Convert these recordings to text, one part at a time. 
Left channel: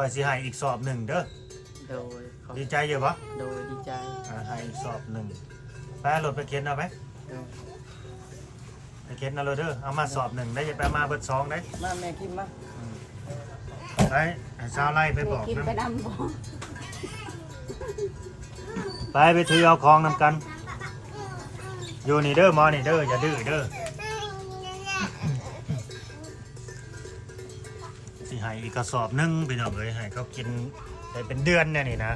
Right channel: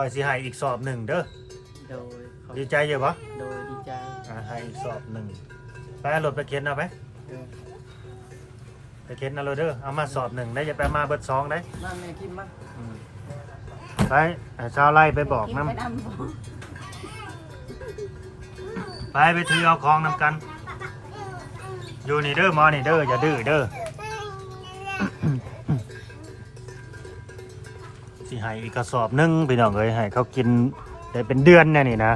คอยสิให้อีกสอบหนึ่งเด้อโดยดีใจอยู่ปะโดยดีใจให้อีกสอบหนึ่งไปรถไปเข็นเอาไหมไปเข็นเอาเลยเด้อเอามาสอบหนึ่งได้จะไปมาเบิด2ได้นั่งแม่กินมาไปชาวไร่ไปบอกน้ำไปถือเอาของนำกันอยู่นี่เด้อมอนี่เด้ออย่าดื้อเด้อสิให้อีกกระสอบนึงพี่น้องเอ้ยให้เขากินได้เป็นเดือนเนี่ยนี่นะ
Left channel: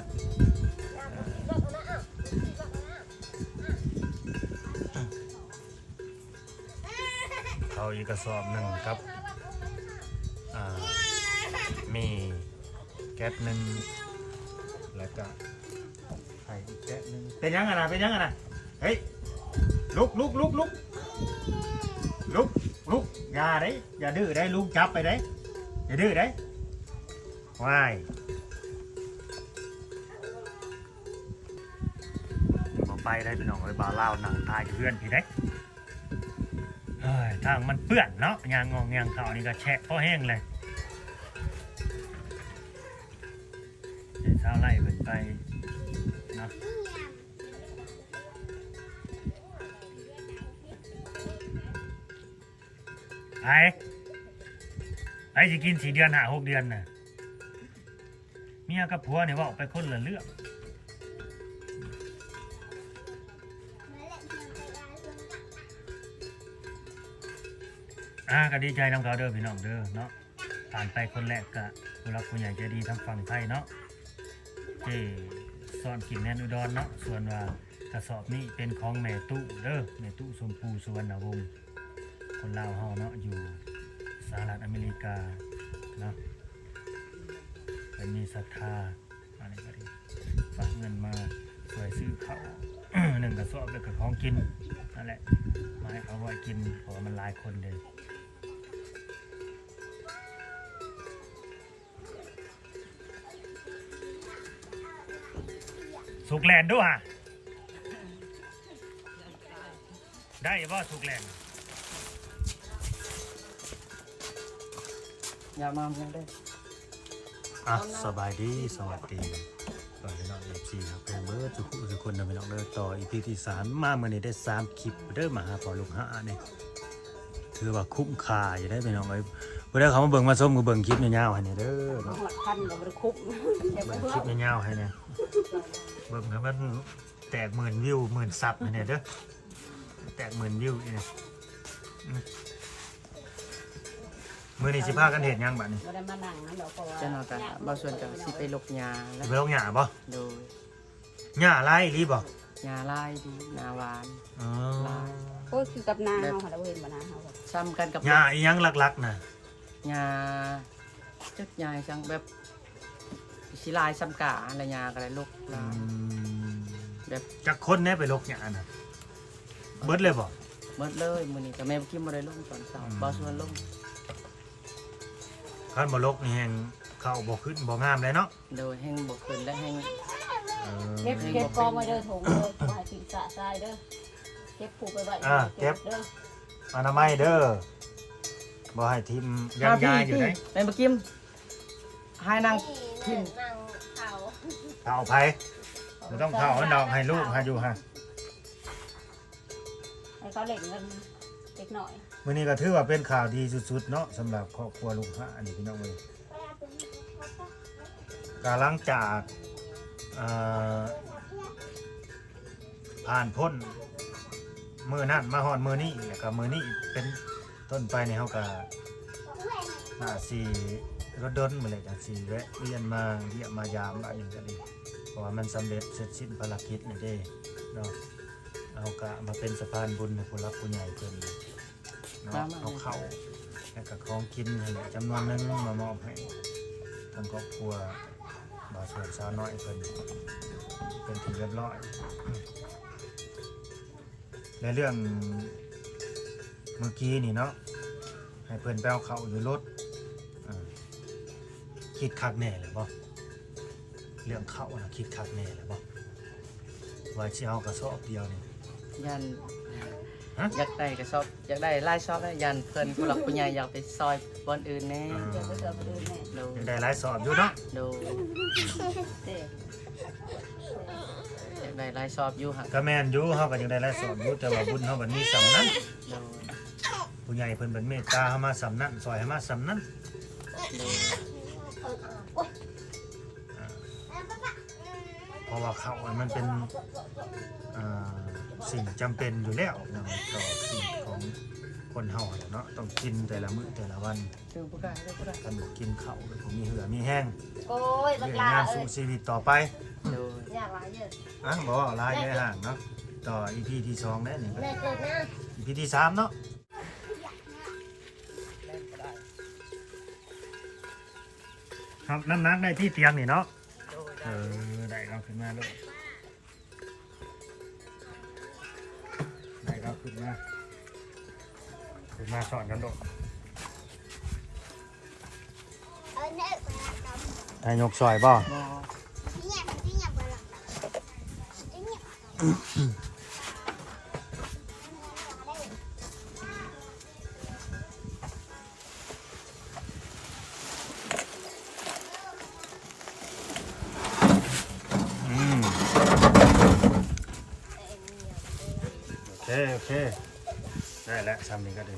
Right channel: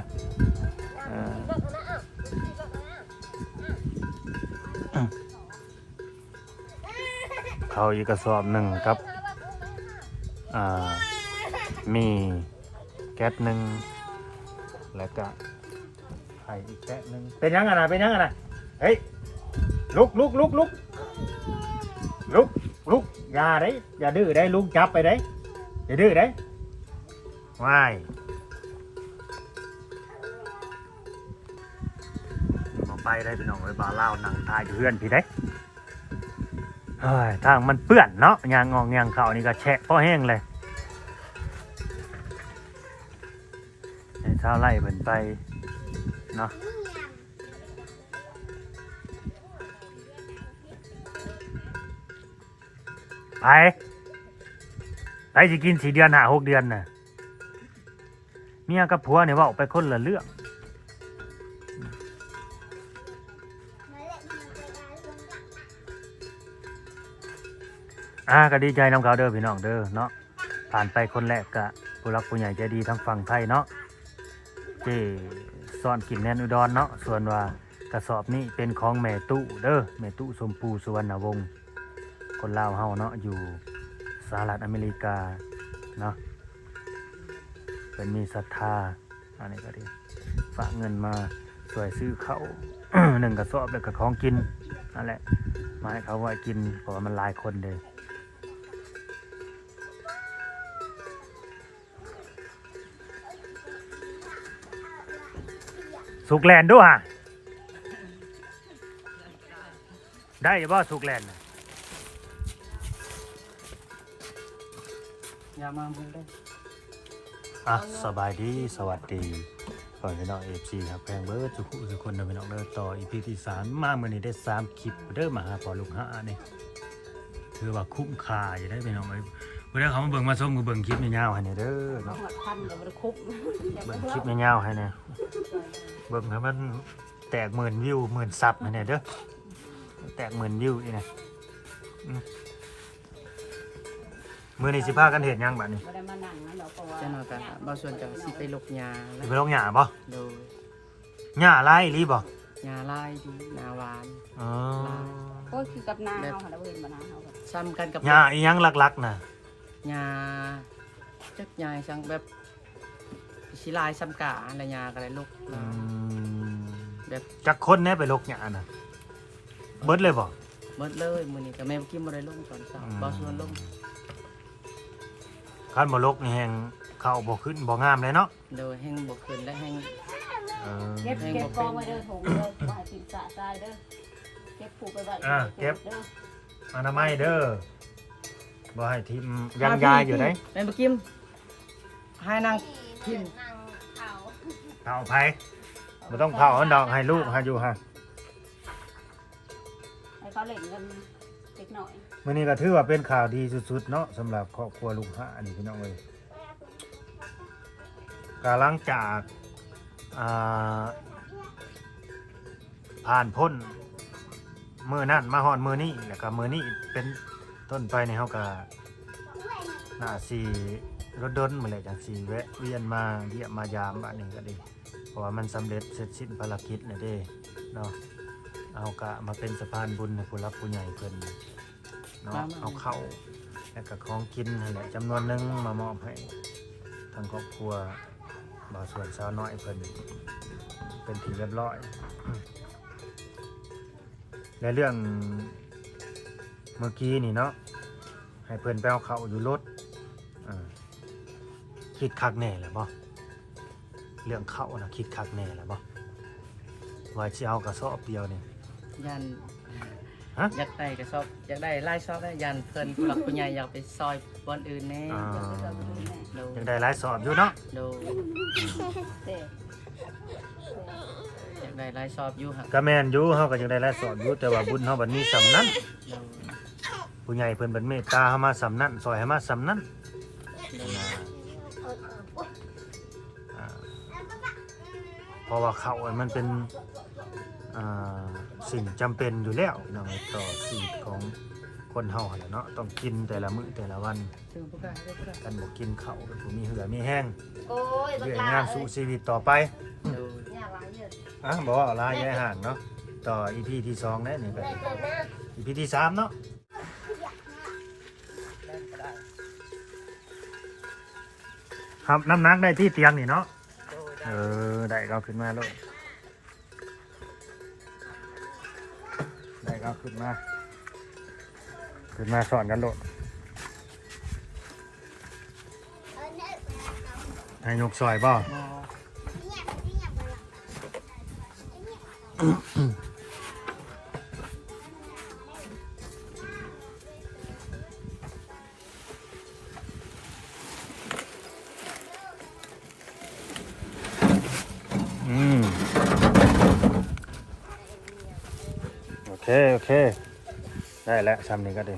เขาอีกกระสอบหนึ่งครับมีแก๊สหนึ่งแล้วก็ไข่อีกแก๊สหนึ่งเป็นยังไงนะเป็นยังไงนะเฮ้ยลุกอย่าได้อย่าดื้อได้ลุกจับไปได้อย่าดื้อได้ว้ายเอาไปได้พี่น้องไว้บ่าเล่าหนังตายอยู่เพื่อนพี่ได้เฮ้ยทางมันเปื้อนเนาะยางงองยางเข่านี่ก็แฉะเพราะแห้งเลยเช้าไล่เหมือนไปเนาะไปสิกิน4 เดือน6 เดือนน่ะเมียกับผัวเนี่ยว่าออกไปคนละเรื่องก็ดีใจน้องเขาเด้อพี่น้องเด้อเนาะผ่านไปคนแรกกะผู้รักผู้ใหญ่ใจดีทั้งฝั่งไทยเนาะที่ซ่อนกินแนนอุดรเนาะส่วนว่ากระสอบนี้เป็นของแม่ตู้เด้อแม่ตู้สมปูสุวรรณวงศ์คนลาวเฮาเนาะอยู่สหรัฐอเมริกาเนาะเป็นมีศรัทธาอันนี้ก็ดีฝากเงินมาช่วยซื้อเขา 1 กระสอบแล้วก็ของกินนั่นแหละมาให้เขาไว้กินเพราะว่ามันหลายคนเลยสุกแลนด์ด้วยได้บ่สุกแลนด์อย่ามาเพิ่งได้สบายดีสวัสดีก่อนพี่น้องFCครับแพงเบิร์ดทุกคนนะพี่น้องเด้อต่อ EP ที่ 3มาเมื่อนี้ได้3คลิปเด้อมาหาพอลูกหานี่ถือว่าคุ้มค่าอยู่ได้พี่น้องเอ้ยบ่ได้เขามาเบิ่งมาส้มก็เบิ่งคลิปยาวๆให้นี่เด้อเนาะเบิ่งคลิปยาวๆให้นี่เบิ่งให้มันแตก10,000 วิว10,000 ซับให้นี่เด้อแตก10,000 วิวนี่นะมื้อนี้สิพากันเฮ็ดหยังบัดนี้จะนอนกันบางส่วนก็สิไปลกหญ้าแล้วไปลกหญ้าบ่โดยหญ้าลายรีบ่หญ้าลายดีหน้าหวานลายโอ้ยคือกับนาเฮาเราเห็นบ่นะซ้ำกันกับหญ้าอีหยังหลักๆน่ะหญ้าจักหญ้าจังแบบสิลายซ้ำกะอะไรหญ้าก็ได้ลกลายแบบจักคนแน่ไปลกหญ้าน่ะเบิดเลยบ่เบิดเลยมื้อนี้ก็แม่กินบ่ได้ลงตอนเช้าบ่ส่วนลงคันบ่ลกนี่แฮงเข้าบ่ขึ้นบ่งามเลยเนาะโดยแห้งบ่ขึ้นและแห้งเก็บฟองมาเด้อถุงหากินสะทรายเด้อเก็บผูกไปไว้เก็บอนามัยเด้อบ่ให้ทิ่มยางยาอยู่ไหนแม่บ่กินให้นางทิ่มเอาไผบ่ต้องเผาดอกให้ลูกให้อยู่ฮะให้เขาเล่นกันเล็กน้อยมื้อนี้ก็ถือว่าเป็นข่าวดีสุดๆเนาะสำหรับครอบครัวลุงหะนี่พี่น้องเอ้ยก็หลังจากผ่านพ้นมื้อนั้นมาฮอดมื้อนี้แล้วก็มื้อนี้เป็นต้นไปนี่เฮาก็น่าสิรถดนมื้อแลจังสิแวะเวียนมาเยี่ยมมายามอันนี้ก็ดีเพราะว่ามันสำเร็จเสร็จสิ้นภารกิจแล้วเด้เนาะเอาก็มาเป็นสะพานบุญให้ผู้รักผู้ใหญ่เพิ่นเนาะเอาเข้าแล้วก็ของกินนั่นแหละจำนวนนึงมามอบให้ทางครอบครัวบ่าวส่วนสาวน้อยเพิ่นเป็นที่เรียบร้อยในเรื่องเมื่อกี้นี่เนาะให้เพิ่นไปเอาเข้าอยู่รถคิดคักแน่เลยบ่เรื่องเข้านะคิดคักแน่เลยบ่ว่าสิเอากระสอบเดียวนี่ยันอยากได้กระสอบอยากได้ไล่ซอบได้ยันเพิ่นผู้หลักผู้ใหญ่อยากไปซอยบอนอื่นแน่ โดย ยังได้หลายสอบอยู่เนาะ โดย เด้ อยากได้หลายสอบอยู่ฮะ ก็แม่นอยู่เฮาก็ยังได้หลายสอบอยู่แต่ว่าบุญเฮาบัดนี้สำนั้น โดย ผู้ใหญ่เพิ่นบัดเมตตาเฮามาสำนั้นซอยให้มาสำนั้น โดย อ่าเพราะว่าข้าวมันเป็นอ่าสิ่งจำเป็นอยู่แล้วเนาะต่อชีวิตของคนเฮาแหละเนาะต้องกินแต่ละมื้อแต่ละวัน เรื่องผู้กล้าเรื่องผู้กล้า กันบ่กินข้าวก็บ่มีเหือมีแห้ง โอ้ย เรื่อยงานสู่ชีวิตต่อไป โดย อยากหลายเด้อ อ่ะบอกว่าลายในห่างเนาะต่อ EP ที่2ได้นี่ก็ แม่เกิดนะ EP ที่3เนาะครับน้ำหนักได้ที่เตียงนี่เนาะได้ก็ขึ้นมาแล้วได้ก็ขึ้นมาสอนกันโลดให้ยกซอยบ่ มอ โอเคได้แล้วซ้ำนี้ก็ดี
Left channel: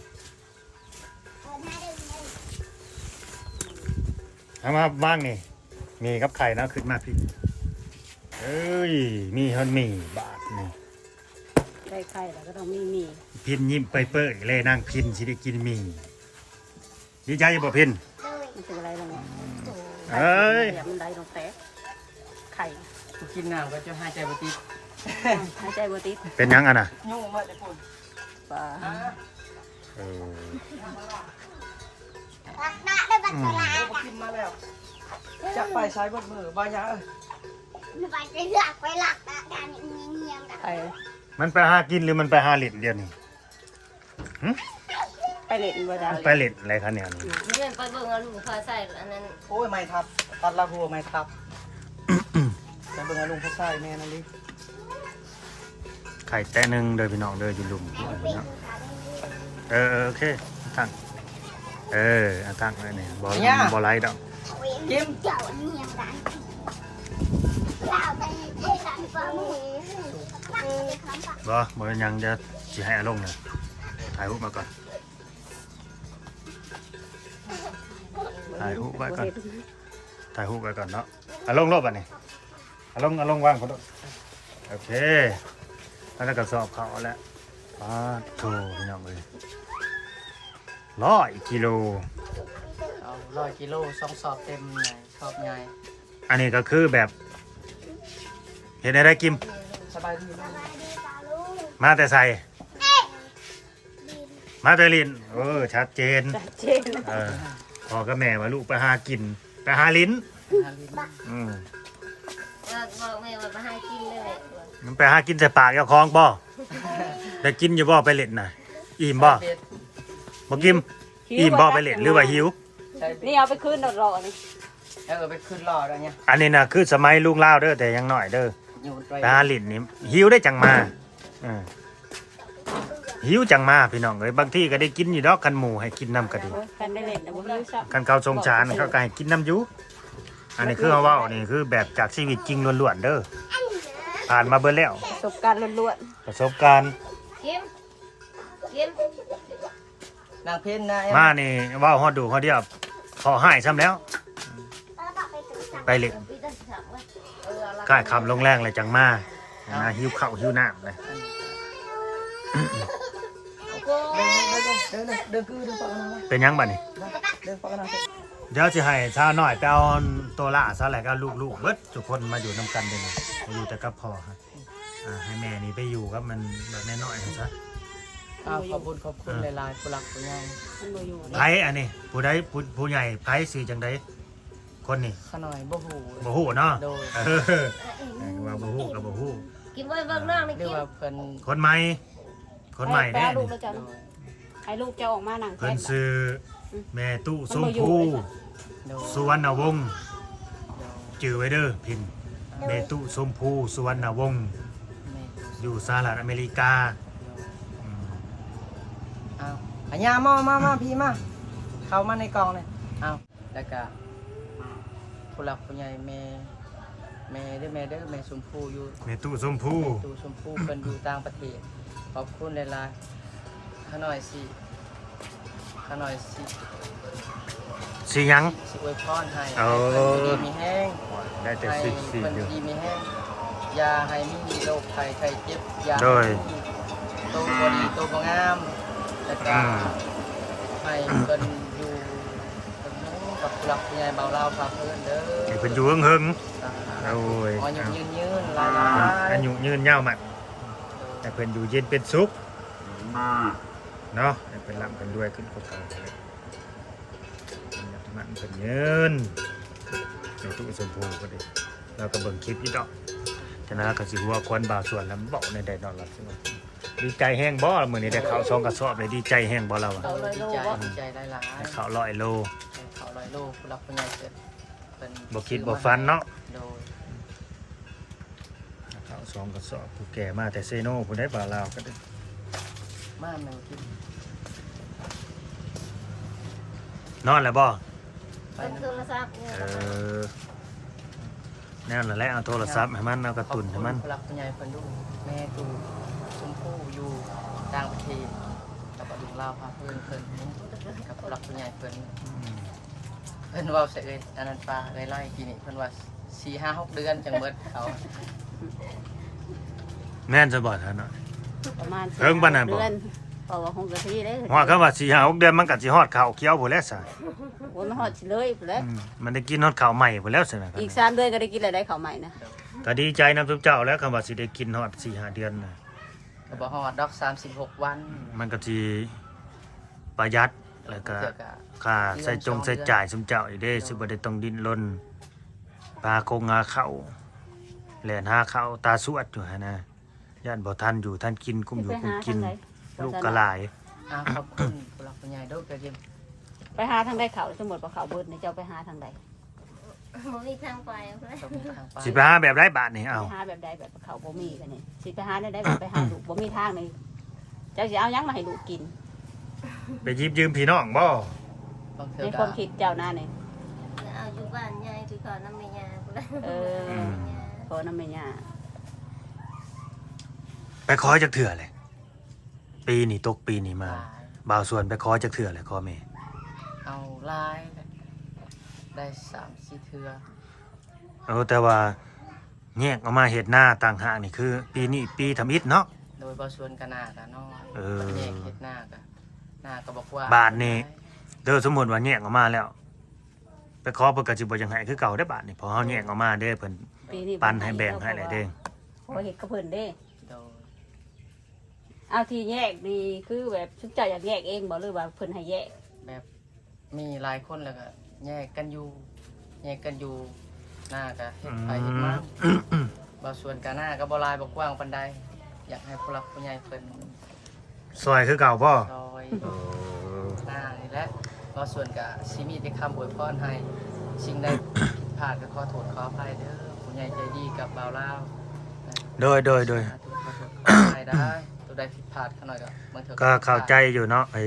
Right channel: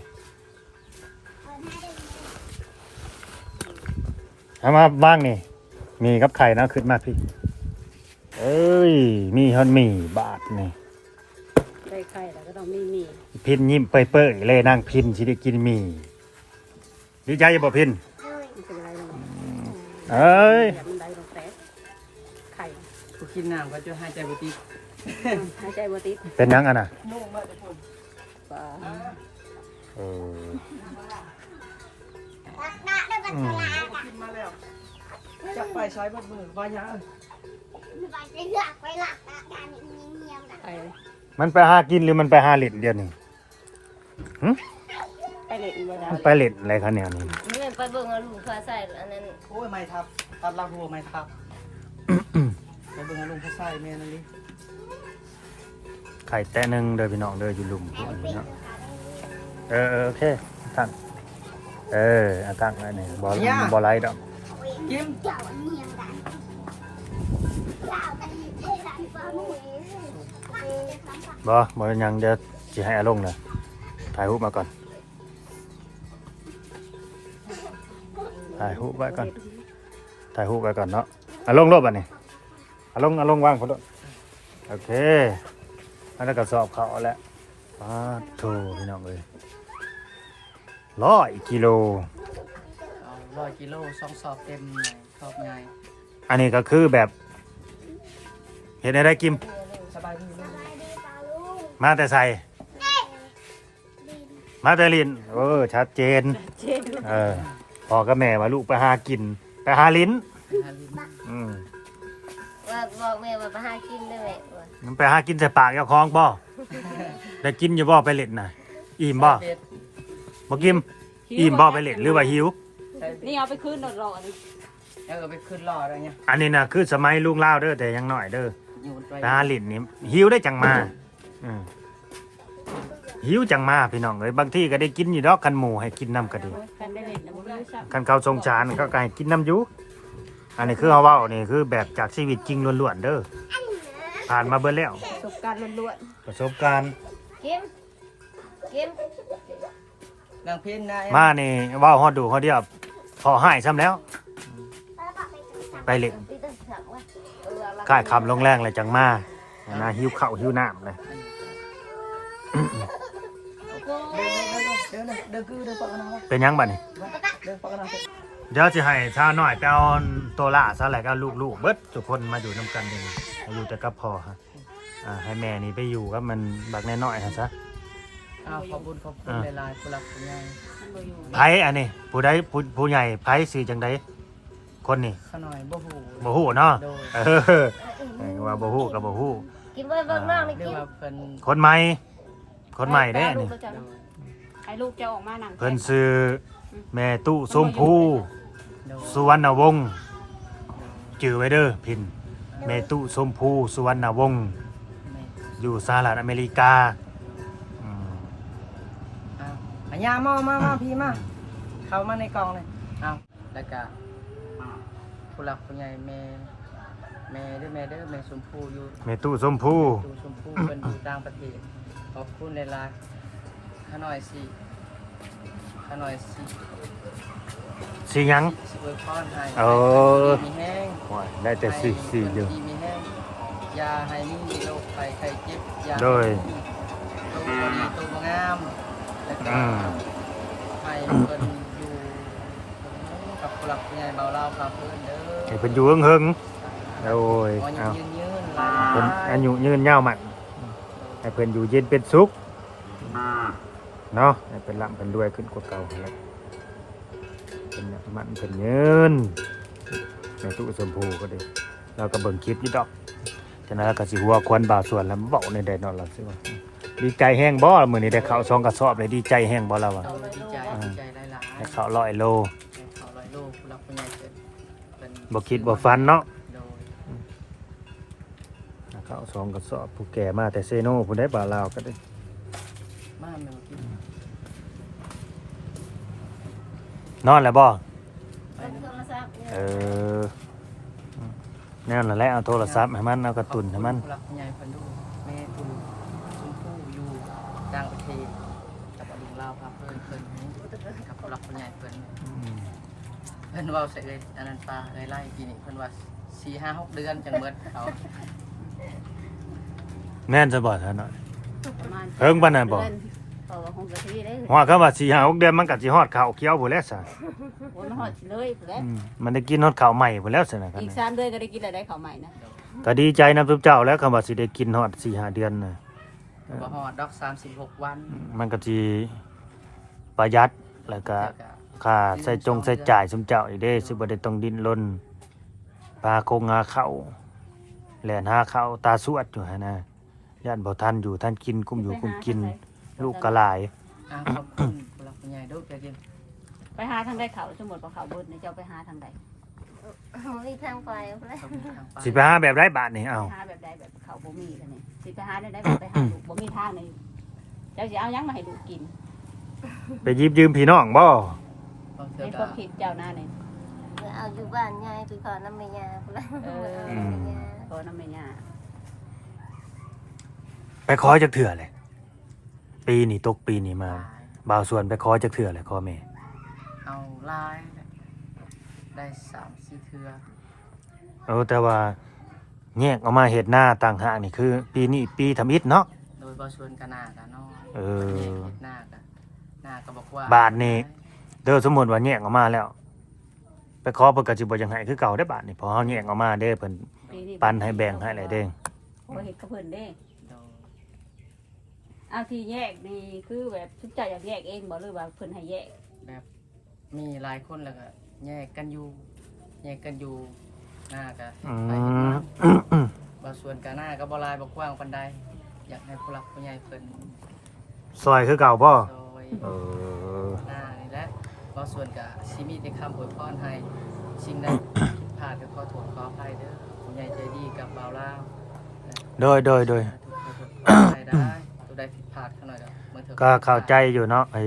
เอามาบ้างนี่มีกับไข่นะขึ้นมาพี่เอ้ยมีฮอนมีบาทนี่ ได้ไข่แล้วก็ต้องมี พินยิ้มเปื่อยๆเลยนั่งพินสิได้กินมีดีใจบ่พิน ไม่เป็นไรนะแม่ เอ้ย มันได้มาแป๊ะไข่ กูกินน้ำก็จะหายใจบ่ติด หายใจบ่ติด เป็นยังอ่ะนะ ยุ่งมากเลยคุณ ป่า เออ กินมาแล้วจะไปใช้บ่มือบ่ยา ไข่ มันไปหากินหรือมันไปหาเล่นเดียวหนึง ไปเล่นบ่ได้ ไปเล่นอะไรคะเนี่ยนี่ เล่นไปเบิ่งเอาลูกฟ้าใส่อันนั้น โอ้ยไม่ทับตัดลาบัวไม่ทับไปเบิ่งอาลุงพ่อใส่แม่นั่นดิ ไข่แตะหนึงเดินพี่น้องเดินอยู่หลุมพุ่นพี่น้องโอเคตั้งตั้งไว้นี่บ่ไล่ดอก กิม บ่ยังจะสิให้อาลงนะถ่ายรูปมาก่อนถ่ายรูปไว้ก่อนเนาะอาลงรถบัดนี้อาลงว่างพุ่นดอกโอเคแล้วก็สอบเขาแล้วปาโถพี่น้องเอ้ย100 กิโล เอา100 กิโล2สอบเต็มใหญ่สอบใหญ่ อันนี้ก็คือแบบเห็นอะไรกิม สบายดีลูก มาแต่ใส่มาแต่ลินชัดเจน เจ๊ดู พ่อกับแม่ว่าลูกไปหากินไปหาลิ้น หาลิ้น ว่าบอกแม่ว่ามาหากินเลย มันไปหากินใส่ปากเจ้าของบ่ได้กินอยู่บ่ไปเล่นน่ะอิ่มบ่ เป็ด บ่กิมอิ่มบ่ไปเล่นหรือว่าหิว ใช่ นี่เอาไปคืนรอๆนี่ ไปขึ้นรออะไรเงี้ย อันนี้น่ะคือสมัยลุงลาวเด้อแต่ยังน้อยเด้อ อยู่ไกล ไปหาลิ้นนี่หิวได้จังมาหิวจังมาพี่น้องเอ้ยบางทีก็ได้กินอยู่ดอกคันหมูให้กินน้ำก็ดี กันได้เล่นแต่บ่รู้ซัก คันเขาทรงจานเขาก็ให้กินน้ำอยูอันนี้คือเขาเว้านี่คือแบบจากชีวิตจริงล้วนๆเด้อผ่านมาเบิ่แล้ว ประสบการณ์ล้วน ประสบการณ์ ๆกิม นางเพ็ญนะ มานี่เว้าฮอดดูฮอดเดียวพอหายซ้ำแล้ว ไปเล่นค่ายคำลงแรงเลยจังมานะหิวข้าวหิวน้ำเลย เดินคือเดินปากกันนะ เป็นยังบัดนี่ เดินปากกันนะ เดี๋ยวจะให้ชาวหน่อยไปเอาตัวล่าซะแหละก็ลูกๆเบิดทุกคนมาอยู่นำกันเดี๋ยวนี้มาอยู่แต่กับพ่อฮะให้แม่นี่ไปอยู่กับมันบักน้อยๆฮะซะ ขอบคุณหลายๆผู้หลักผู้ใหญ่ ไผอันนี้ผู้ใดผู้ใหญ่ไผสิจังไดคนนี่ ขน่อยบ่หู บ่ฮู้เนาะ โดย ว่าบ่ฮู้ก็บ่ฮู้ กินไว้เบิ่งน้องนี่ เรีย กิ ก น ว่าเพิ่น คนใหม่คนใหม่เด้อันนี่ โดย ให้ลูกจะออกมานั่ง เพิ่นซื้อแม่ตู้ส้มพู โดย สุวรรณวงศ์จื่อไว้เด้อพินแม่ตู้ส้มพูสุวรรณวงศ์อยู่สหรัฐอเมริกา อ้าวอัญญามาพี่มาเข้ามาในกองเลยอ้าวแล้วก็ ผู้หลักผู้ใหญ่แม่เด้อแม่ชมพู่อยู่ แม่ตู้ส้มผู้ ดูชมพู่เป็นอยู่ต่างประเทศขอบคุณหลายๆข้าหน่อยสิ สิหยัง สิอวยพรให้ เอา ให้มีแห้ง ได้แต่ ให้ สิ เพิ่น เลย ดีมีแห้งยาให้มีโรคภัยไข้เจ็บยา โดย โตบดีโตบ่งามแล้วก็ให้เพิ่นอยู่เพิ่นอยู่กับผู้หลักผู้ใหญ่เบาเล่าพาเพิ่นเด้อ ให้เพิ่นอยู่เฮิงๆโอ้ย ขอ เอา ยืนหลาย เพิ่น ๆ อายุยืนยาวมันให้เพิ่นอยู่เย็นเป็นสุขเนาะให้เพิ่นร่ำเพิ่นรวยขึ้นกว่าเก่าแล้วเพิ่นมันเพิ่นยืนในตู้ชมพูก็ดีเราก็เบิ่งคลิปอยู่ดอกฉะนั้นเราก็สิหัวควนบ่าวส่วนแล้วมาเว้าในแดดนอนล่ะสิดีใจแห้งบ่มื้อนี้ได้ข้าวช่องกระสอบเลยดีใจแห้งบ่เราอ่ะ โดยดีใจหลายๆ ได้ข้าว100 โล เขาลอยโลผู้รักผู้ใหญ่เป็น บ่คิดบ่ฝันเนาะ โดย ข้าวช่องกระสอบผู้แก่มาแต่เซโน่ผู้ได้บ่าวลาวก็ได้ มาแม่นคิด นอนแล้วบ่ ไป ต้น นะ โทรศัพท์เนี่ย เออนั่นแหละเอาโทรศัพท์ให้มันเอากระตุนให้มัน ผู้รักผู้ใหญ่เพิ่นดูแม่ตู่ชมพู่อยู่ต่างประเทศกับอดุลลาวพาเพิ่นกับผู้รักผู้ใหญ่เพิ่นเพิ่นเว้าใส่เลยอันนั้นปลาไล่ๆกินนี่เพิ่นว่า 4-5-6 เดือนจังเบิดเขา แม่นจะบอกท่านเนาะ ประมาณ เพิ่งปานนั้นบ่ เดือเพราะว่าคงจะที่ได้ ว่าก็ว่า4-5-6 เดือนมันก็สิฮอดข้าวเขียวพุ่นแล้วซะ โอ้ยมันหอดเลยแล้ว มันได้กินฮอดข้าวใหม่พุ่นแล้วซั่นน่ะครับ อีก3 เดือนก็ได้กินอะไรได้ข้าวใหม่นะ ก็ดีใจนำทุกเจ้าแล้วคำว่าสิได้กินฮอด4-5 เดือนน่ะ ก็บ่ฮอดดอก36 วัน มันก็สิประหยัดแล้วก็ เจอกับ ค่าใส่ใส่จ่ายซุมเจ้าอีกเด้สิบ่ได้ต้องดิ้นรนปลาคงงาเข้าแล่นหาข้าวตาสวดอยู่หั่นน่ะย่านบ่ทันอยู่ทันกินกุ้มอยู่กุ้มกิน ลูกก็หลาย ขอบคุณผู้รักผู้ใหญ่เด้อเกิน ไปหาทางใดเขาสมมติว่าเขาเบิดในเจ้าไปหาทางใด มีทางไปเพื่อน ต้องมีทางไป สิไปหาแบบไรบาทนี่เอา ไปหาแบบใดแบบเขาบ่มีกันนี่สิไปหาได้แบบไปหาลูกบ่มีทางนี่เจ้าสิเอาหยังมาให้ลูกกิน ไปหยิบยืมพี่น้องบ่ บางเทื่อ ในค ก็ วามคิดเจ้าหน้านี่ เอาอยู่บ้านยายไปขอน้ำแม่ยาเพื่อน ขอน้ำแม่ย่า ไปขอจักเถื่อเลยปีนี้ตกปีนี้มาบ่าวส่วนไปขอจักเถื่อเลยขอแม่ เอาลายได้3-4 เทื่อ แต่ว่าแยกออกมาเฮ็ดหน้าต่างหากนี่คือ ปีนี้ปีทำอิฐเนาะ โดยบ่ส่วนกันหน้ากันน้อย เออ แยกเฮ็ดหน้าก็บอกว่า บาทนี่เด้อสมมุติว่าแยกออกมาแล้ว ไปขอเพิ่นก็สิบ่จังไห้คือเก่าได้อบาทนี่พอเฮาแยกออกมาเด้อเพิ่น ปีนี้ ปันให้แบ่งให้แหละเด้อ บ่เฮ็ดกับเพิ่นเด้ โดย เอาที่แยกดีคือแบบชุบเจ้าอยากแยกเองบ่หรือว่าเพิ่นให้แยก แบบมีหลายคนแล้วก็แยกกันอยู่หน้าก็เฮ็ดไปเฮ็ดมาบ่ส่วนกันหน้าก็บ่หลายบ่กว้างปานใดอยากให้ผู้หลักผู้ใหญ่เพิ่น ซอยคือเก่าบ่ ซอย เออ หน้านี่แหละบ่ส่วนก็สิมีแต่คำอวยพรให้สิ่งใดผิดพลาดก็ขอโทษขออภัยเด้อผู้ใหญ่ใจดีกับบ่าวลาว โดย ขอโทษขออภัยได้ตัวใดผิดพลาดเขาหน่อยก็บางเทื่อ ก็เข้าใจอยู่เนาะไอ้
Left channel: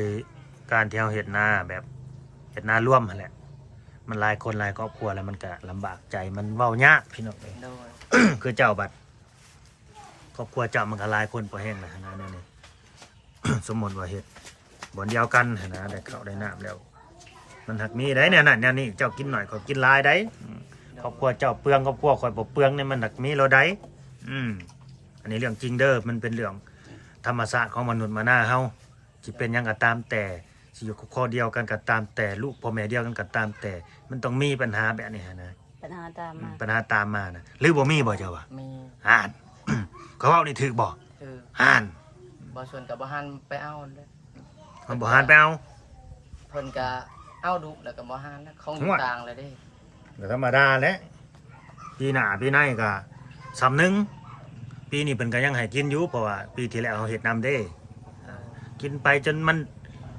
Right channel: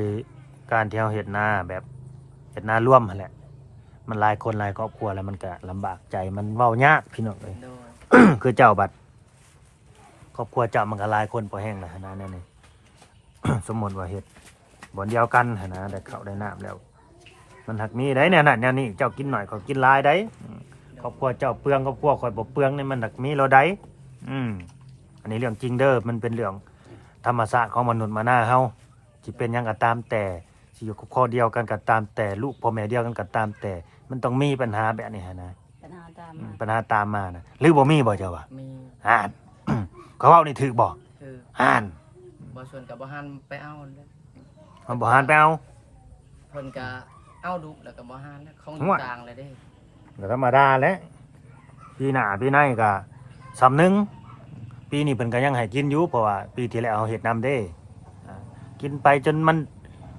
การที่เฮาเฮ็ดหน้าแบบเฮ็ดหน้าร่วมนั่นแหละ มันหลายคนหลายครอบครัวแล้วมันก็ลำบากใจมันเว้ายากพี่น้องเอ้ย โดย คือเจ้าบัดครอบครัวเจ้ามันก็หลายคนพอแห้งแล้วนะนั่นนี่ สมมติว่าเฮ็ดบ่อนเดียวกันหั่นนะได้ข้าวได้น้ำแล้ว มันหักมีได้เนี่ยนั่นนี่เจ้ากินหน่อยเขากินหลายได้ครอบครัวเจ้าเปลืองครอบครัวข่อยบ่เปลืองเนี่ยมันหักมีเราได้อันนี้เรื่องจริงเด้อมันเป็นเรื่องธรรมชาติของมนุษย์มาหน้าเฮาสิเป็นหยังก็ตามแต่สิอยู่ครอบครัวเดียวกันก็ตามแต่ลูกพ่อแม่เดียวกันก็ตามแต่มันต้องมีปัญหาแบบนี้หั่นนะ ปัญหาตาม ปัญหาตามมานะหรือบ่มีบ่เจ้าวะ มี อ่าน เขาเว้านี่ถูกบ่ คือ อ่าน บ่ส่วนกับบ่หันไปเอาเลย มันบ่หันไปเอา เพิ่นก็เอาดุแล้วก็บ่หันแล้วของอยู่ ห่วย กลางเลยเด้ ก็ธรรมดาแหละปีหน้าปีในก็สำนึงปีนี้เพิ่นก็ยังให้กินอยู่เพราะว่าปีที่แล้วเฮ็ดนำเด้กินไปจนมัน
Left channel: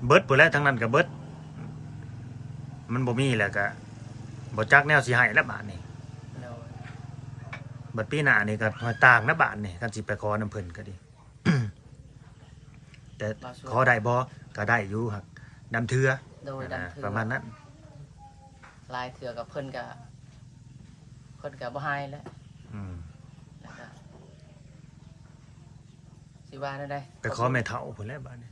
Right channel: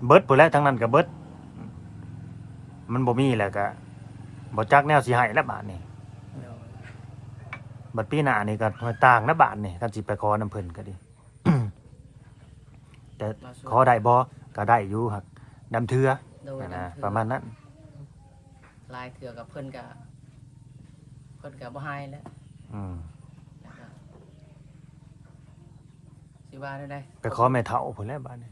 เบิดพุ่นแล้วทั้งนั้นก็เบิดมันบ่มีแล้วก็บ่จักแนวสิให้แล้วบาดนี้ โดย บัดปีหน้านี่ก็ห้อยต่างนะบาดนี่คันสิไปขอน้ำเพิ่นก็ดี แต่ขอได้บ่ก็ได้อยู่ครับนำเทื่อ โดย นะ ดำถือ ประมาณนั้น ลายเถื่อกับเพิ่นก็ พิ่นก็บ่ให้แล้ว อืม แล้วก็สิว่าได้ ไปขอแม่เฒ่าพุ่นแหละบ้านนี้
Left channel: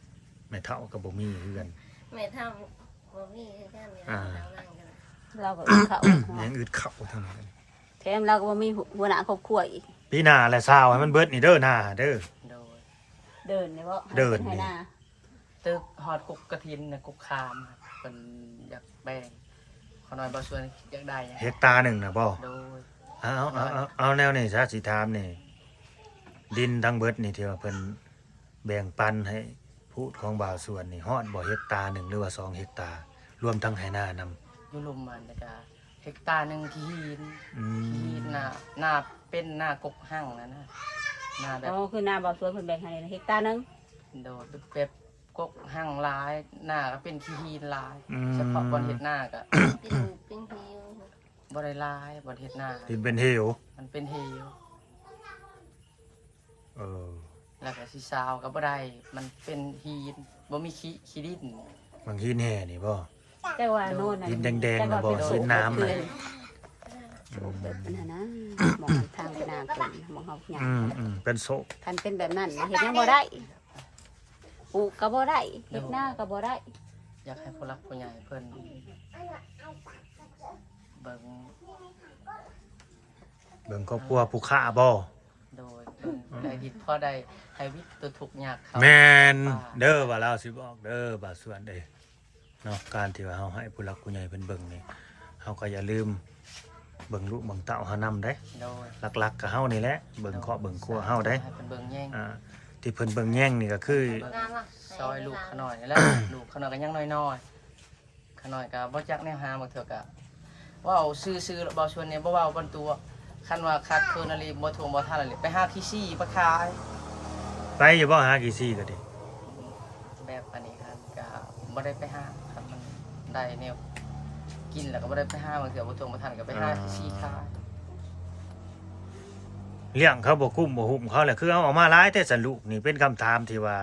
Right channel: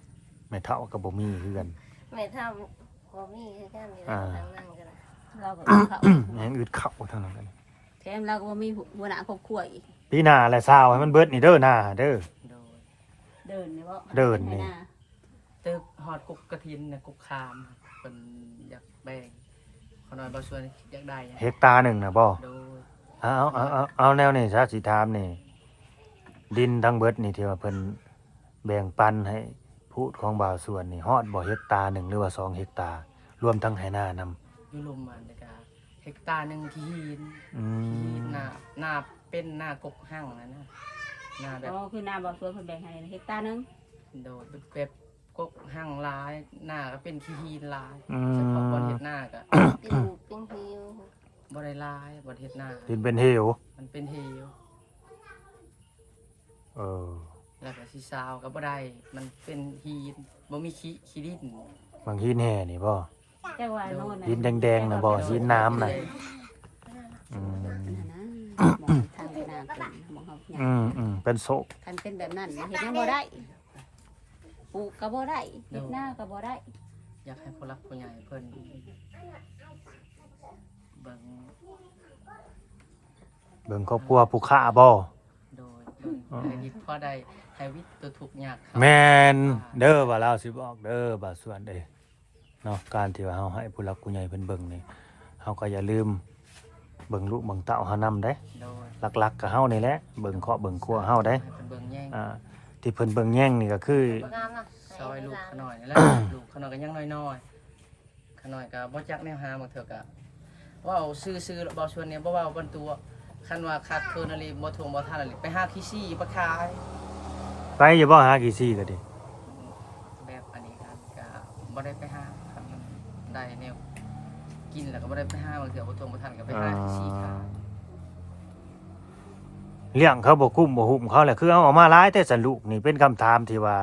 แม่เฒ่าก็บ่มีคือกัน แม่ทำบ่มีคือกันอยู่แล้วทางนั้นกันนะ เราก็เขา แม่งอึดเข้าเท่านั้นเอง แถมเราก็บ่มีหัวหน้าครอบครัวอีก ปีหน้าแหละซาวให้มันเบิดนี่เด้อหน้าเด้อ โดย เดินนี่บ่ เดินนี่ ให้หา ตึกฮอดกุกกระถินน่ะกุกคามเพิ่นอยากแบ่งขอน้อยบ่ชวนอยากได้หยัง เฮกตาร์หนึ่งน่ะบ่ โดย เอาแนวนี้ซะสิถามนี่ดินทั้งเบิดนี่ที่ว่าเพิ่นแบ่งปันให้พูดของบ่าวส่วนนี่ฮอดบ่เฮกตาร์หนึ่งหรือว่า2เฮกตาร์รวมทั้งไหนานำ อยู่ลุมมันแล้วก็เฮกตาร์หนึงที่หิน อื ที่ ม หน้าเป็นหน้ากกหั่งนะหน้าแบบ อ๋อคือหน้าบ่าวสวนเพิ่นแบ่งให้เฮกตาร์นึง โดดแบบกกหั่งหลายหน้าก็เป็นขี้หินหลาย อืม เฉพาะบนเฮ็ดหน้าก็ เป็นหูเป็นหิว บ่ได้หลายบนเฮ็ดหน้า ดินเป็นเหว มันเป็นเหว เออ แล้วก็สิซาวก็บ่ได้มันเป็นหินบ่มีขี้ดิน บางทีแห่นี่บ่ แต่ว่าโน่นน่ะ ดินแดงๆน่ะบ่สีน้ำน่ะอืม นั่นน่ะมองทางไปหน้าเพิ่นมองเฮาหยัง เป็นโซ คันเป็นแบบนั้นเฮ็ดหยังบ่ได้ปลูกก็บ่ได้เฮ็ดนาก็บ่ได้ อยากให้ผู้หลักผู้ใหญ่เพิ่นเบิ่ง เบิ่งครอบครัวผู้ค้าบ่ โดยเพิ่นได้วิตพอได้ให้วิตตัวทุกข์ยากเขา แม่นเด้อว่าเราสิบอกเด้อบ่าส่วนเด้เนาะการที่ว่าเฮาให้ผู้หลักผู้ใหญ่เพิ่นเบิ่งนี่เฮาก็อย่าลืมเบิ่งลูกเบิ่งเต้าเฮานำได้ โดย หลักๆก็เฮานี่แหละเบิ่งเคาะเบิ่งครัวเฮาได้ ให้เพิ่นเบิ่งแย่ง ที่เพิ่นเบิ่งแย่งนี่ก็คือ บ่งามล่ะ ซอยลูกขน่อยนี่แหละ ลูกขน่อยก็ยังน้อยๆขน่อยก็บ่จักแนวหาบ่เถื่อก็เว้าซื่อๆบ่ชวนเนี่ยบ่เว้าบนตัวคันว่าขาดเคินอะไรบ่ทวงบ่ทันอะไรไปหาที่ซี่มาขาย ไปอย่าบ่หากี่ซี่ก็ดิ แบบอันนี้ครับก็บ่ได้ไปหาครับมันได้แนวกินแล้วก็บ่ได้ไปหาบางเทื่อบ่ทวงบ่ทันก็ไปหาที่ซี่ขาย เลี้ยงเขาบ่คุ้มบ่หุ้มเขาแหละคือเอาออกมาหลายแต่สรุปนี่เป็นคำถามที่ว่า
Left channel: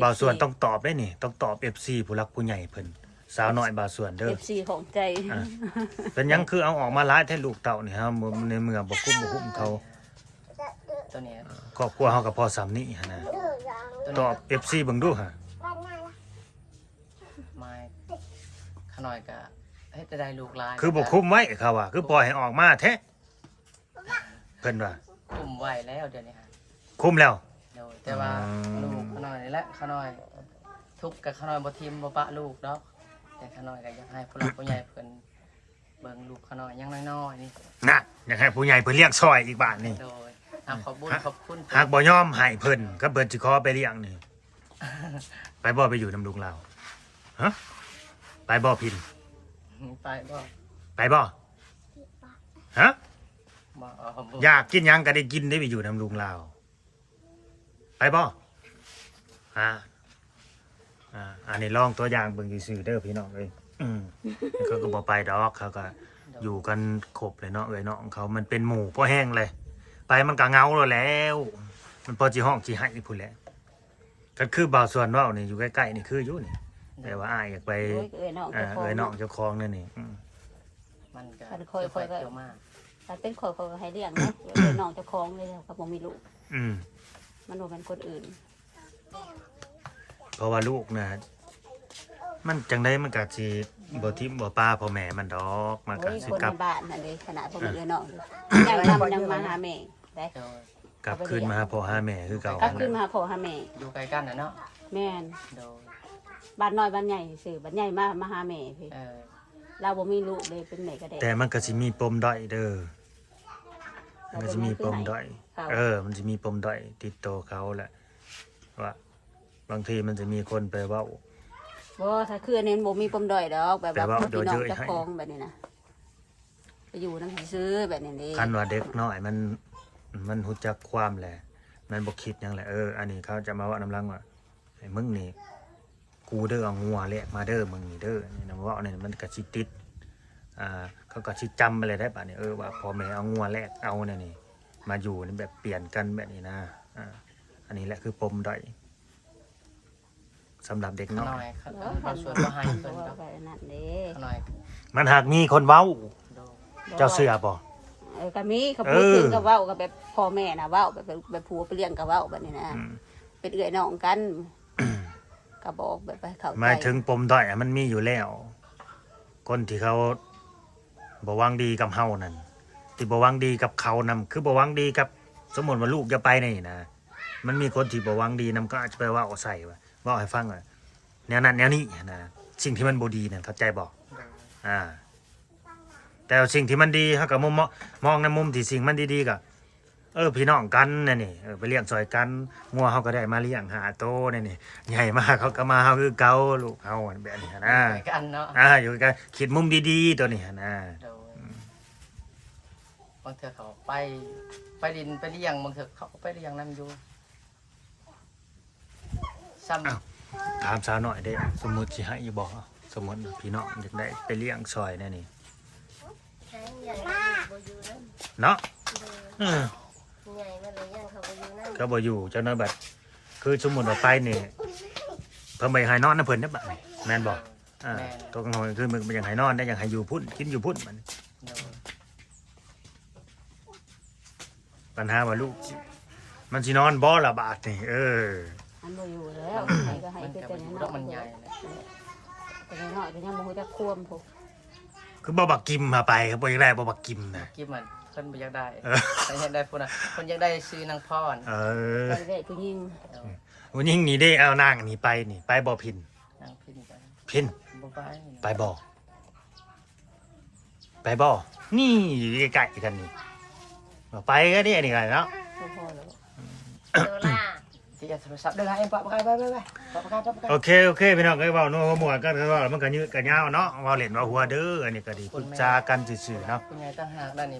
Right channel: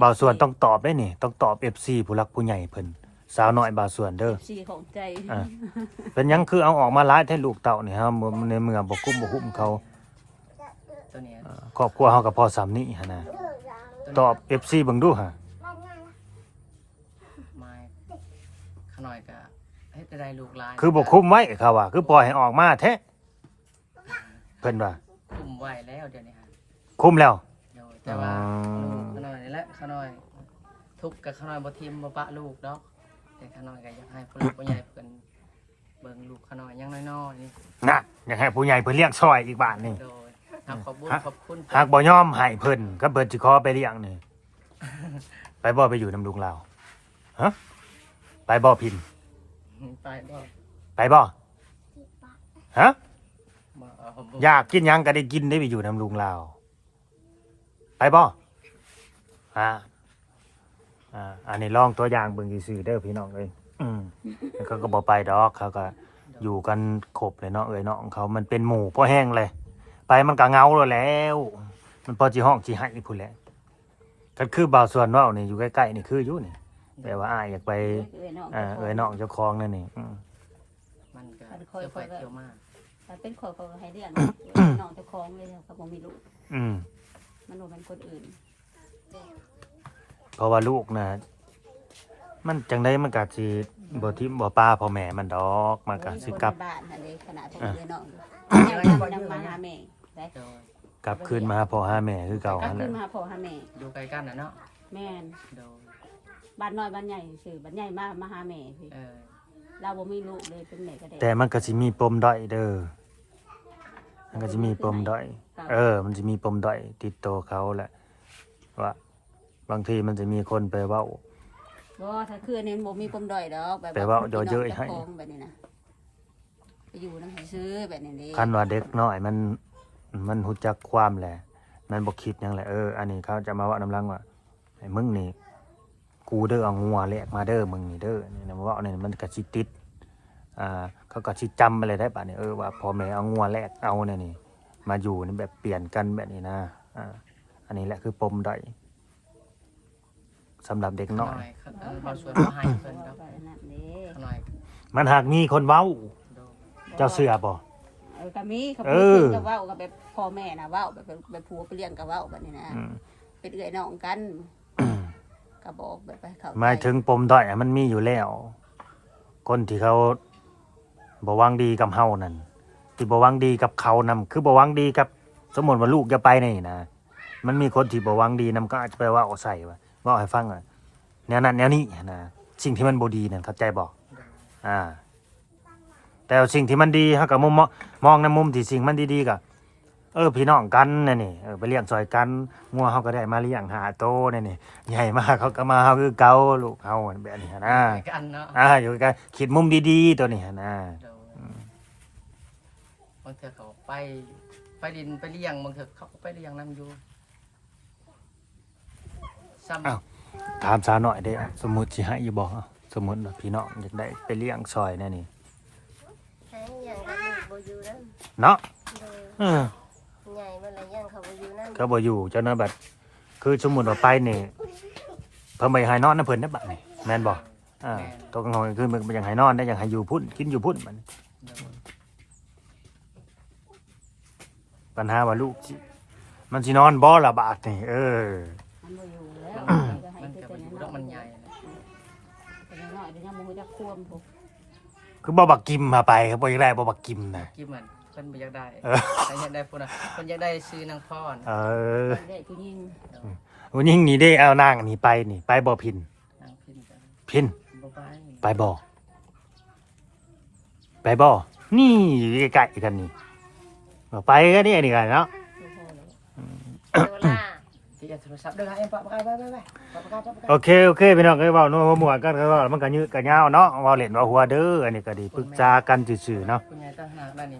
บ่าวส่วนต้องตอบได้นี่ต้องตอบ FC ผู้หลักผู้ใหญ่เพิ่นสาวน้อยบ่าวส่วนเด้อ FC ของใจ อ่ะเป็นหยังคือเอาออกมาหลายแท้ลูกเต่านี่ฮะในเมื่อบ่คุ้มบ่หุ้มเขา ตัวนี้ ครอบครัวเฮาก็พอสำนี้หั่นน่ะตอบ FC เบิ่งดูฮะ ไม้ขน่อยก็เฮ็ดได้ลูกหลาย คือบ่คุ้มไว้เขาว่าคือปล่อยให้ออกมาแท้เพิ่นว่า คุมไว้แล้วเดี๋ยวนี้ครับ คุ้มแล้ว โดยแต่ว่าลูกขน่อยนี่แหละขน่อยทุกข์กับขน่อยบ่ทิมบ่ปะลูกดอกแต่ขน่อยก็อยากให้ผู้หลักผู้ใหญ่เพิ่นเบิ่งลูกขน่อยยังน้อยๆนี่ น่ะอยากให้ผู้ใหญ่เพิ่นเลี้ยงซอยอีกบาทหนึง โดยขอบบุญขอบคุณ หากบ่ยอมให้เพิ่นก็เพิ่นสิขอไปเลี้ยงนี่ไปบ่ไปอยู่นำลุงลาวฮะไปบ่พิน ไปบ่ ไปบ่ฮะ บ่บ่ อยากกินหยังก็ได้กินได้ไปอยู่นำลุงลาวไปบ่อันนี้ลองตัวอย่างเบิ่งซื่อๆเด้อพี่น้องเอ้ยแล้วเขาก็บ่ไปดอกเขาก็อยู่กันครบเลยเนาะเอ้ยเนาะของเขามันเป็นหมู่พอแห้งเลย ไปมันก็เหงาแล้ว มันพอสิห้องสิให้พุ่นแหละก็คือบ่าวส่วนเว้านี่อยู่ใกล้ๆนี่คืออยู่นี่แต่ว่าอ้ายอยากไป เอ้ยน้อง เอ้ยน้องเจ้าของนั่นนี่ มันก็เที่ยวไปเที่ยวมา ถ้าเป็นคนเขาก็ให้เลี้ยงน้องเจ้าของเลยเขาบ่มีลูก มันบ่เป็นคนอื่น เพราะว่าลูกน่ะมันจังได๋มันก็สิบ่ทิ่มบ่ปาพ่อแม่มันดอกมันก็สิกลับ คนในบ้านนั่นเด้ขนาดพวกเอ้ยน้องยังมาหาแม่ได้ โดย กลับคืนมาหาพ่อหาแม่คือเก่าก ลับ นั่น ขึ้น แหละ มาพ่อหาแม่ อยู่ไกลกันน่ะเนาะ แม่น โดย บ้านน้อยบ้านใหญ่ซื่อบ้านใหญ่มาหาแม่พี่เราบ่มีลูกเลยเป็นแม่ก็ได้ แต่มันก็สิมีปมด้อยเด้อมันก็สิมีปมด้อย มันจะมีปมด้อยติดตัวเขาแหละว่าบางทีมันจะมีคนไปเว้า บ่ถ้าคืออันนี้บ่มีปมด้อยดอกแบบ แต่ว่าเดี๋ยวเยอะ จะ ให้ คองแบบนี้นะไปอยู่นำซื้อแบบนี้เด้ คันว่าเด็กน้อยมันรู้จักความแหละมันบ่คิดหยังแหละอันนี้เขาจะมาเว้านำลังว่าไอ้มึงนี่กูเด้อเอางัวแลกมาเด้อมึงนี่เด้อนี่นะมาเว้านี่มันก็สิติดเขาก็สิจำอะไรได้ป่ะนี่ว่าพ่อแม่เอางัวแลกเอาเนี่ยนี่มาอยู่นี่แบบเปลี่ยนกันแบบนี้นะอันนี้แหละคือปมด้อยสำหรับเด็ก ข น้ น่ อ อย ยเราชวนมาให้เพิ่นดอก นั่นเด้ ขน่อย มันหากมีคนเว้า โดย เจ้าเสือบ่ ข ก็มีเขาพูดถึงกับเว้ากับแบบพ่อแม่น่ะเว้าแบบผัวไปเลี้ยงกับเว้าแบบนี้นะเป็นเอื้อยน้องกันก็บอกแบบไปเข้าใจ หมายถึงปมด้อยมันมีอยู่แล้วคนที่เขาบ่หวังดีกับเฮานั่นที่บ่หวังดีกับเขานำคือบ่หวังดีกับสมมุติว่าลูกจะไปนี่นะมันมีคนที่บ่หวังดีนำก็อาจจะไปว่าเอาใส่ว่าให้ฟังว่าแนวนั้นแนวนี้นะสิ่งที่มันบ่ดีนั่นเข้าใจบ่แต่สิ่งที่มันดีเฮาก็มองในมุมที่สิ่งมันดีๆก็พี่น้องกันนี่ไปเลี้ยงซอยกันงัวเฮาก็ได้มาเลี้ยงหาโตนี่ใหญ่มากเขาก็มาเฮาคือเก่าลูกเฮาแบบนี้นะ กันเนาะ อยู่กันคิดมุมดีๆตัวนี้นะ บางเทื่อเขาไปดินไปเลี้ยงบางเทื่อเขาก็ไปเลี้ยงนั่นอยู่ซ้ำ ถามซาหน่อยเด้สมมุติสิให้อยู่บ่สมมุติว่าพี่น้องอยากได้ไปเลี้ยงซอยแน่นี่ ให้อย่างกับลูกบ่อยู่นั่น เนาะ โดยใหญ่มันเลยย่างเขาบ่อยู่นั่น ก็บ่อยู่เจ้านะบัดคือสมมุติว่าไปนี่เพิ่นบ่ให้นอนนะเพิ่นนะบัดนี่แม่นบ่ตัวกลางคืนคือมันบ่อยากให้นอนได้อยากให้อยู่พุ่นกินอยู่พุ่นมันปัญหาว่าลูกมันสินอนบ่ล่ะบาดนี่มันบ่อยู่แล้ว มันก็ไปอยู่แล้วมันใหญ่นะ แต่น้อยๆก็ยังบ่ฮู้จักควมพุ่น คือบ่บักกิมมาไปครับบ่อยากได้บ่บักกิมนะ กิ๊บมันเพิ่นบ่อยากได้ใครอยากได้พุ่นน่ะเพิ่นอยากได้ซื้อนางพร ได้ผู้หญิง วันนี้นี่ได้เอานางนี่ไปบ่พิน นางพินไป พิน บ่ไป ไปบ่นี่อยู่ใกล้ๆกันนี่ไปก็นี่นี่กันเนาะ บ่พอแล้ว โดล่า ที่จะโทรศัพท์เด้อให้ปะไป โอเคพี่น้องเว้าโน้หัวกันก็ว่ามันก็ยืดกันยาวเนาะเว้าเล่นว่าหัวเด้ออันนี้ก็ดีปรึกษากันซื่อๆเนาะ คุณยายต่างหากด้านนี้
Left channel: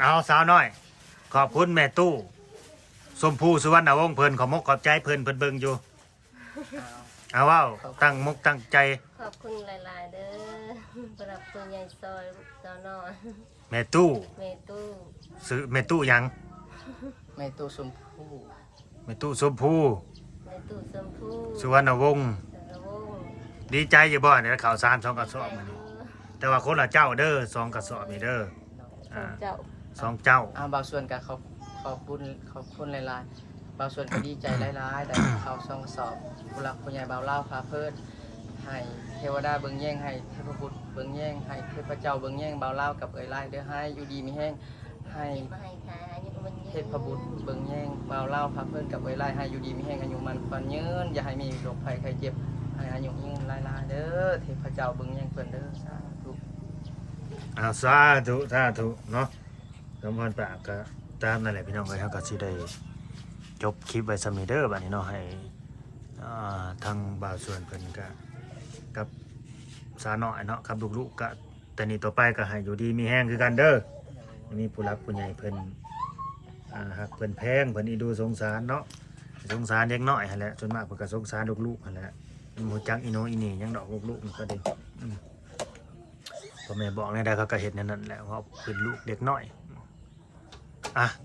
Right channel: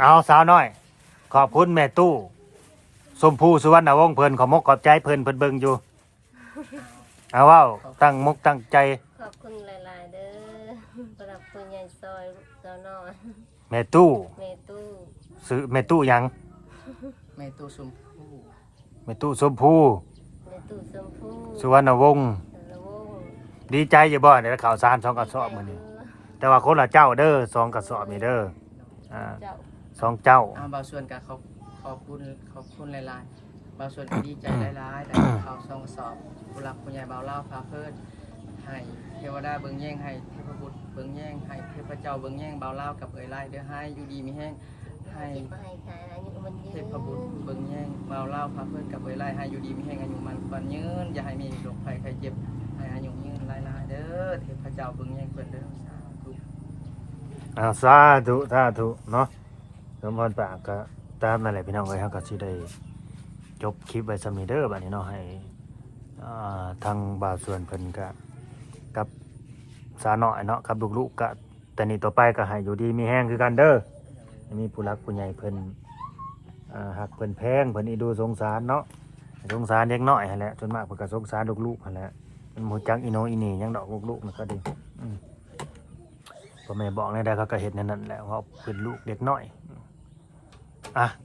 เอาสาวน้อยขอบคุณแม่ตู้สมภูสุวรรณวงศ์เพิ่นขอมกขอบใจเพิ่นเบิ่งอยู่เอาเว้าตั้งมกตั้งใจ ขอบคุณหลายๆเด้อสำหรับคุณยายซอยตอนนอน แม่ตู้ เมตู้ ซื้อแม่ตู้หยัง แม่ตู้ชมพู่ แม่ตู้สมภู เมตู้ชมพู่ สุวรรณวงศ์ ระวง ดีใจอยู่บ่ได้ข่าวสาร2กระสอบมื้อนี้แต่ว่าคนละเจ้าเด้อ2กระสอบนี่เด้อ เจ้า 2เจ้า บางส่วนก็ขอบคุณหลายๆบางส่วนก็ดีใจหลายๆแต่เขาส่งสอบผู้หลักผู้ใหญ่บ่าวเล่าพาเพิ่นให้เทวดาเบิ่งแย่งให้เทพบุตรเบิ่งแย่งให้เทพเจ้าเบิ่งแย่งบ่าวเล่ากับเอ๋ยไล่เด้อให้อยู่ดีมีแห้งให้ เก็บมาให้ขายอายุมันยื เท น พบุตรเบิ่งแย่งบ่าวเล่าพาเพิ่นกับเอ๋ยไล่ให้อยู่ดีมีแห้งอายุมันความยืนอย่าให้มีโรคภัยไข้เจ็บให้อายุยืนหลายๆเด้อเทพเจ้าเบิ่งแย่งเพิ่นเด้อสาธุ สาธุเนาะสมพรปากก็ตามนั่นแหละพี่น้องเอ้ยเฮาก็สิได้จบคลิปไว้ส่ำนี้เด้อบัดนี้เนาะให้ทางบ่าวส่วนเพิ่นก็กับสาน้อยเนาะกับลูกๆก็แต่นี่ต่อไปก็ให้อยู่ดีมีแฮงคือกันเด้อมีผู้หลักผู้ใหญ่เพิ่นฮักเพิ่นแพงเพิ่นอีดูสงสารเนาะสงสารเด็กน้อยหั่นแหละส่วนมากเพิ่นก็สงสารลูกๆหั่นแหละเพิ่นบ่รู้จักอีโนอีนี่หยังดอกลูกๆมันก็ดีพ่อแม่บอกได้เขาก็เห็นนั่นแหละว่าเป็นลูกเด็กน้อย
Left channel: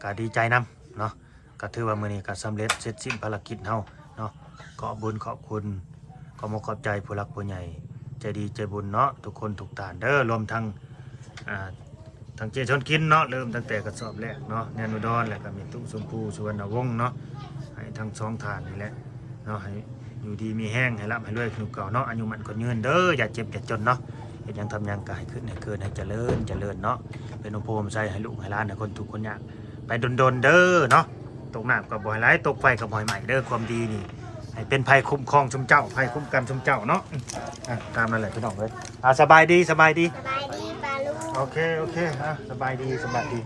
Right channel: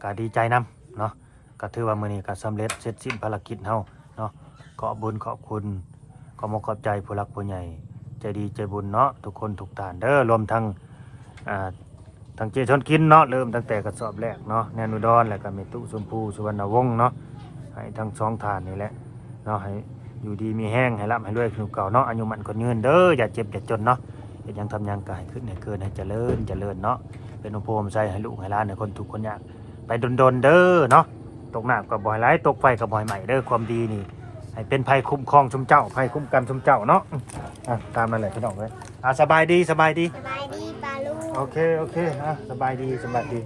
ก็ดีใจนำเนาะก็ถือว่ามื้อนี้ก็สำเร็จเสร็จสิ้นภารกิจเฮาเนาะขอบุญขอบคุณขอขอบใจผู้หลักผู้ใหญ่ใจดีใจบุญเนาะทุกคนทุกท่านเด้อรวมทั้งทั้งเจชนกินเนาะเริ่มตั้งแต่กระสอบแรกเนาะแนนุดรแล้วก็เมตุชมพูสุวรรณวงศ์เนาะให้ทั้งสองท่านนี่แหละเนาะให้อยู่ดีมีแห้งให้ร่ำให้รวยขึ้นเก่าเนาะอายุมันคนยืนเด้ออย่าเจ็บอย่าจนเนาะยังทำยังกายขึ้นให้เกินให้เจริญเนาะเป็นอุปโภคใจให้ลูกให้หลานให้คนทุกคนยากไปดนเด้อเนาะตกน้ำกับบ่อยไหลตกไฟกับบ่อยใหม่เด้อความดีนี่ให้เป็นภัยคุ้มครองชุมเจ้าภัยคุ้มกันชุมเจ้าเนาะตามนั่นแหละพี่น้องเลยสบายดี สบายดีปลาลูก โอเคสบายดี